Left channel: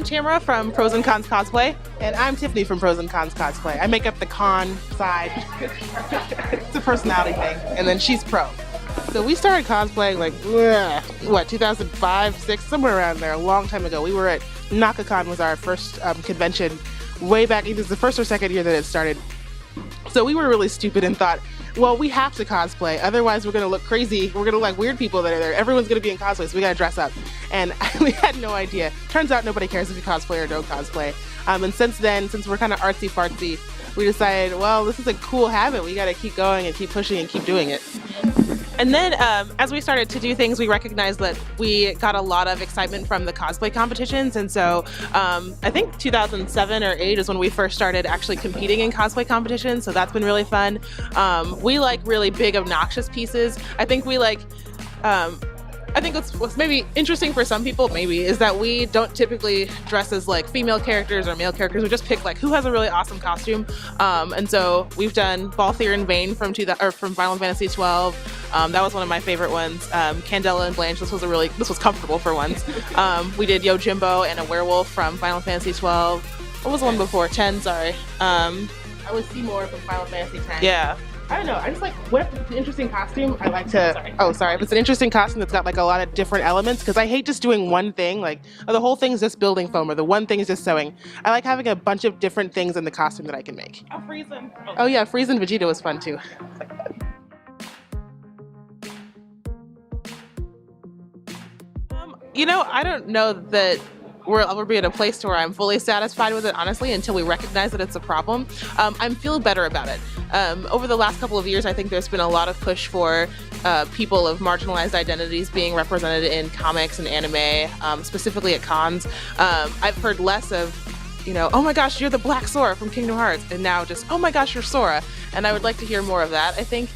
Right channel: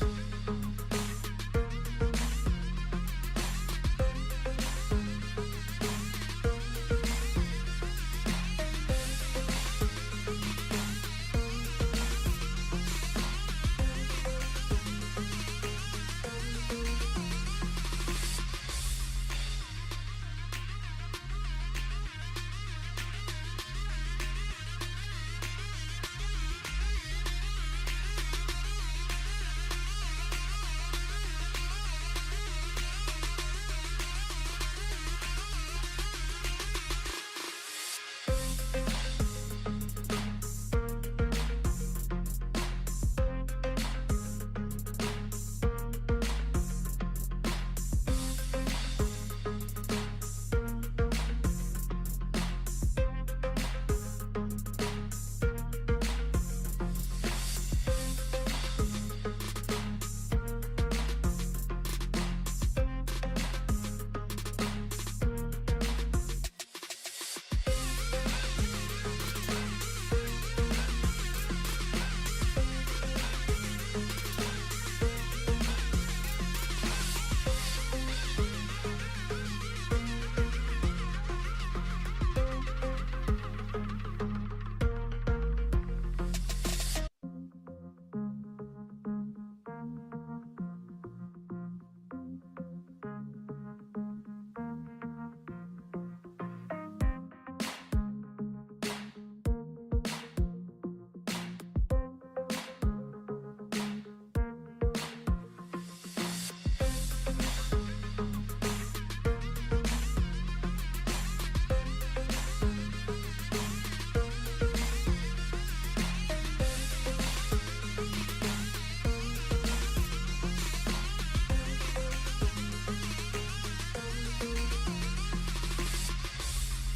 I'm Tamara from Pros and Cons Cosplay. And I'm Tiffany from Pros and Cons Cosplay. I make up the con side. It's a personality thing. And then she's pro. So we started cosplaying like, what, 2005, 6, somewhere around there, a long time ago. We were at NakaCon was our first convention way back. It was the first or second year that it started. So we were really stupid and thought, well, we have to cosplay, otherwise we're gonna look crazy. We're gonna look like weird people that are there. Everyone's gonna be in cosplay, so we gotta dress up. And we had no idea. Turns out nobody cares if you cosplay or don't cosplay. And since then, since we're kind of artsy fartsy, we decided, well, this is a cool habit. We gotta keep going and keep pushing and keep doing it. And then as we started to do things, we recognized that we got a lot of excitement from the cosplay competitions. And so I think 2007 or 8 is when we first started actually competing in cosplay competitions. So that's been really fun. We like really big, obnoxious pieces. I think we like, I think what's maybe interesting for some people maybe is that we don't typically dress as like female characters or male characters. We just pick like who has a really awesome costume. And so we've done Balthier and Vane from Final Fantasy 12. That was one of my favorite ones. Candela and Blanche. This was comfortable for once. We did Yojimbo and a werewolf from Final Fantasy 12. What was the one before? 10. Sorry. I was Seymour from Final Fantasy 10. Yeah. I don't know, I just like, what if it's an interesting costume, I like to, if it's an interesting costume that's got like a lot of different elements, because I hate just doing one thing, like, oh, the whole thing's just building foam, or the one thing is just sewing. I like having a bunch of different things in the costume that I can make. Oh, Friesen. Oh yeah, Friesen Vegeta was fun too. You know, I don't know that we'll be in a place to where I'm fully satisfied with it, honestly, until we recognize that it's a problem. I'm feeling better about it. Over the last couple of years, I think there's been a lot of push for people of marginalized identities being represented in comics and anime, specifically at cons. I've heard less of, you know, oh my gosh, you're the Black Sora from Kingdom Hearts, and now just, oh my gosh, you're Sora. And I would like to hear more of that, I think.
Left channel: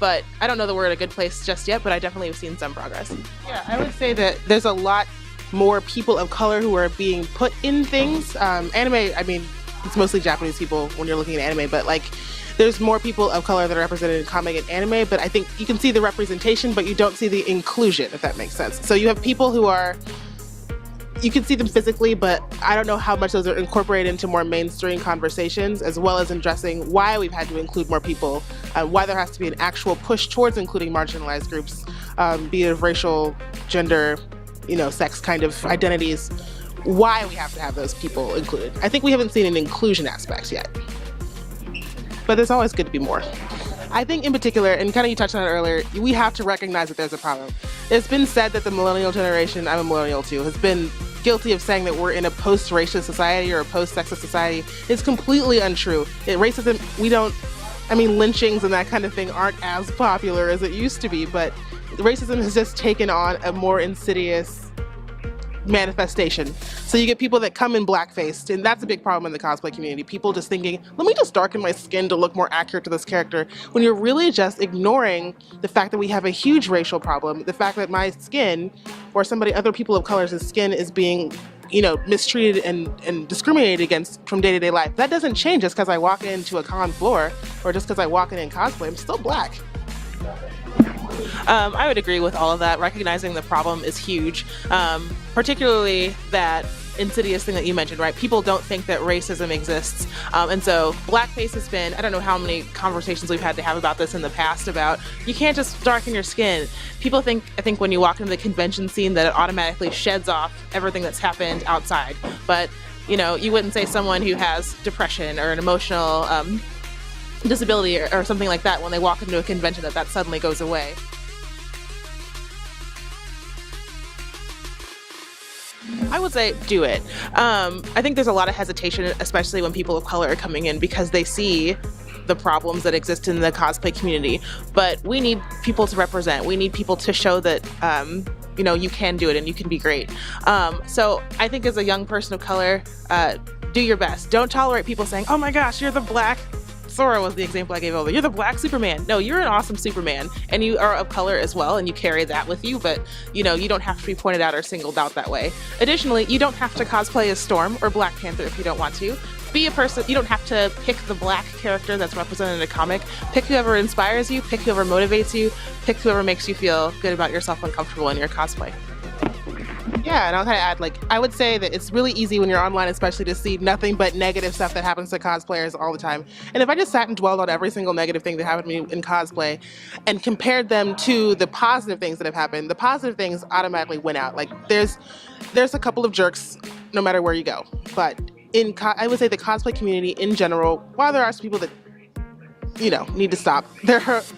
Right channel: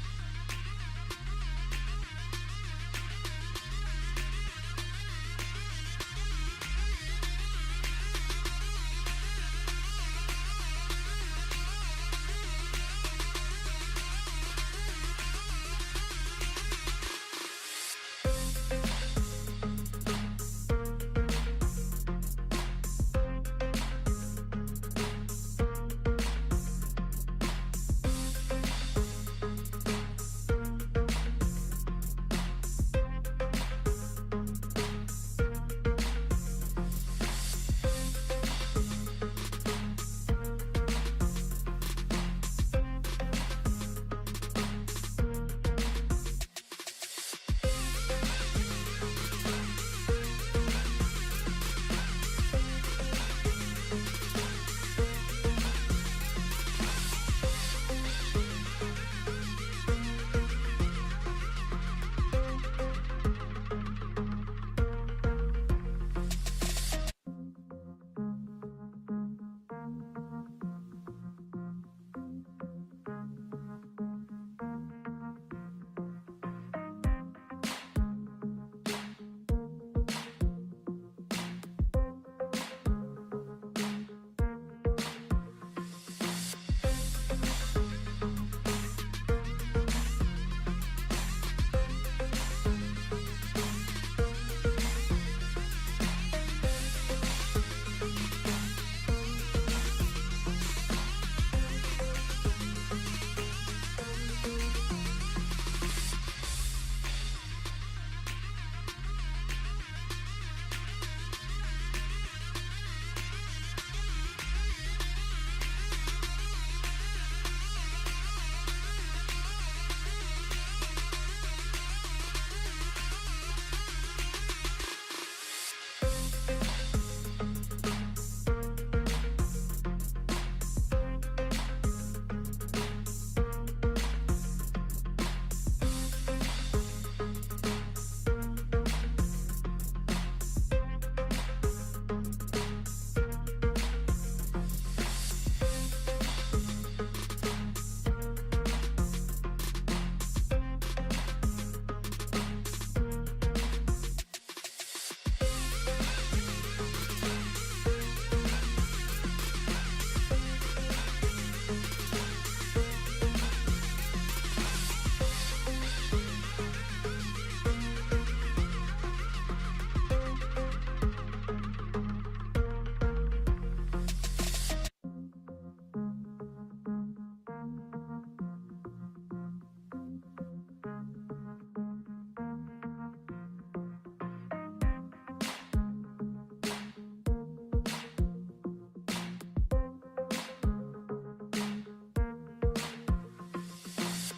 But I don't know that we're in a good place just yet, but I definitely have seen some progress. Yeah, I would say that there's a lot more people of color who are being put in things. Anime, I mean, it's mostly Japanese people when you're looking at anime, but like, there's more people of color that are represented in comic and anime, but I think you can see the representation, but you don't see the inclusion, if that makes sense. So you have people who are, you can see them physically, but I don't know how much those are incorporated into more mainstream conversations, as well as addressing why we've had to include more people, why there has to be an actual push towards including marginalized groups, be it of racial, gender, you know, sex kind of identities, why we have to have those people included. I think we haven't seen an inclusion aspect yet, but it's always good to be more. I think in particular, and kind of you touched on it earlier, we have to recognize that there's a problem. It's been said that the millennial generation, I'm a millennial too, has been guilty of saying that we're in a post-racist society or a post-sexist society. It's completely untrue. Racism, lynchings and that kind of thing aren't as popular as it used to be, but racism has just taken on a more insidious manifestation. So you get people that come in blackface, and that's a big problem in the cosplay community. People just thinking, let me just darken my skin to look more accurate to this character, when you're really just ignoring the fact that we have a huge racial problem, the fact that my skin, or other people of color's skin is being, you know, mistreated and discriminated against from day-to-day life. That doesn't change just because I walk into a con floor, or just because I walk in cosplay. I'm still black. I would agree with all of that. Recognizing the problem is huge, particularly that insidious thing that you mentioned, right? People don't think that racism exists. And so blackface has been, I don't know how many conversations we've had to have about this in the past about, you can't just darken your skin. People think, I think when you walk into the convention scene that it automatically sheds off everything that's happened outside. But, you know, you wouldn't say someone who has depression or an emotional disability or something like that when they walk into a convention that suddenly goes away. I would say do it. I think there's a lot of hesitation, especially when people of color are coming in, because they see the problems that exist in the cosplay community. But we need people to represent. We need people to show that you know, you can do it and you can be great. So I think as a young person of color, do your best. Don't tolerate people saying, oh my gosh, you're the Black Sora was the example I gave over. You're the Black Superman. No, you're an awesome Superman, and you are of color as well, and you carry that with you, but you know, you don't have to be pointed out or singled out that way. Additionally, you don't have to cosplay as Storm or Black Panther if you don't want to. Be a person, you don't have to pick the black character that's represented in a comic. Pick whoever inspires you, pick whoever motivates you, pick whoever makes you feel good about yourself and comfortable in your cosplay. Yeah, and I'll kind of add, like, I would say that it's really easy when you're online, especially, to see nothing but negative stuff that happens to cosplayers all the time. And if I just sat and dwelled on every single negative thing that happened to me in cosplay and compared them to the positive things that have happened, the positive things automatically win out. Like, there's a couple of jerks no matter where you go, but I would say the cosplay community in general, while there are some people that need to stop.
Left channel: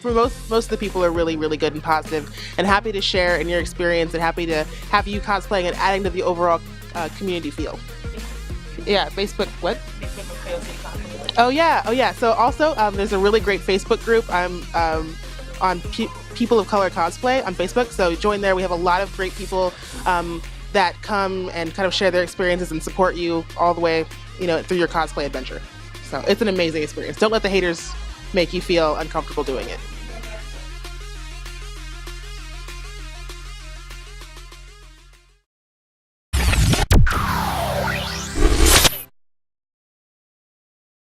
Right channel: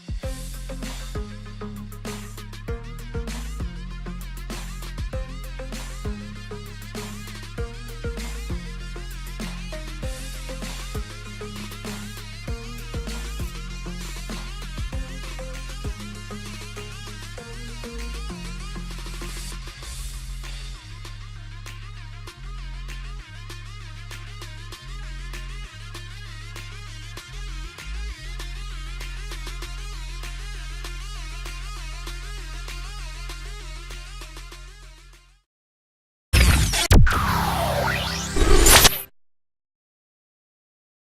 For most of the people are really, really good and positive and happy to share in your experience and happy to have you cosplaying and adding to the overall community feel. Yeah, Facebook, what? Oh yeah. So also, there's a really great Facebook group. I'm on People of Color Cosplay on Facebook. So join there. We have a lot of great people that come and kind of share their experiences and support you all the way, through your cosplay adventure. So it's an amazing experience. Don't let the haters make you feel uncomfortable doing it.